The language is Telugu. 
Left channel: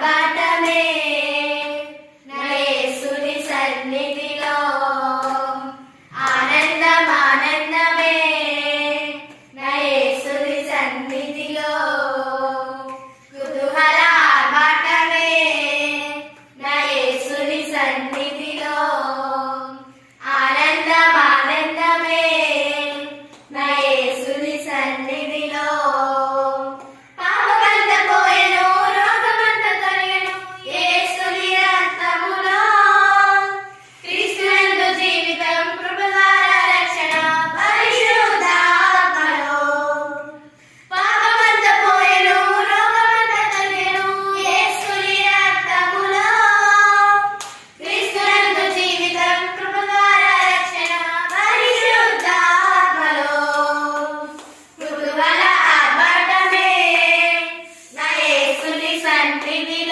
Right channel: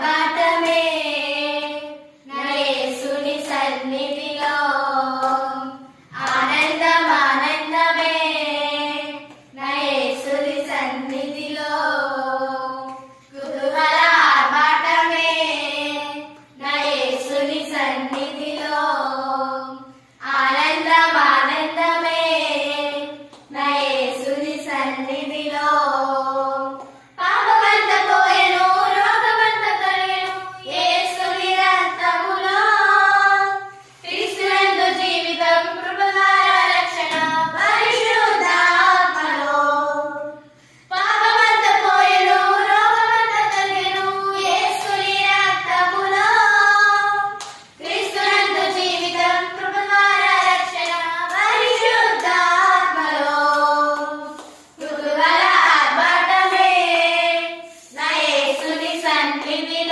ఆర్భాటమే నా యేసుని సన్నిధిలో ఆనందం ఆనందమే నా యేసుని సన్నిధిలో కుతూహల ఆర్భాటమే నా యేసుని సన్నిధిలో ఆనందం ఆనందమే నా యేసుని సన్నిధిలో పాపమంత పోయెను రోగమంత తొలగెను యేసుని రక్తములో క్రీస్తునందు జీవితం కృపగార రక్షణ పరిశుద్ధాత్మలో పాపమంత పోయెను రోగమంత తొలగెను యేసుని రక్తములో క్రీస్తునందు జీవితం కృపగార రక్షణ పరిశుద్ధాత్మలో కుతూహల ఆర్భాటమే నా యేసుని సన్నిధిలో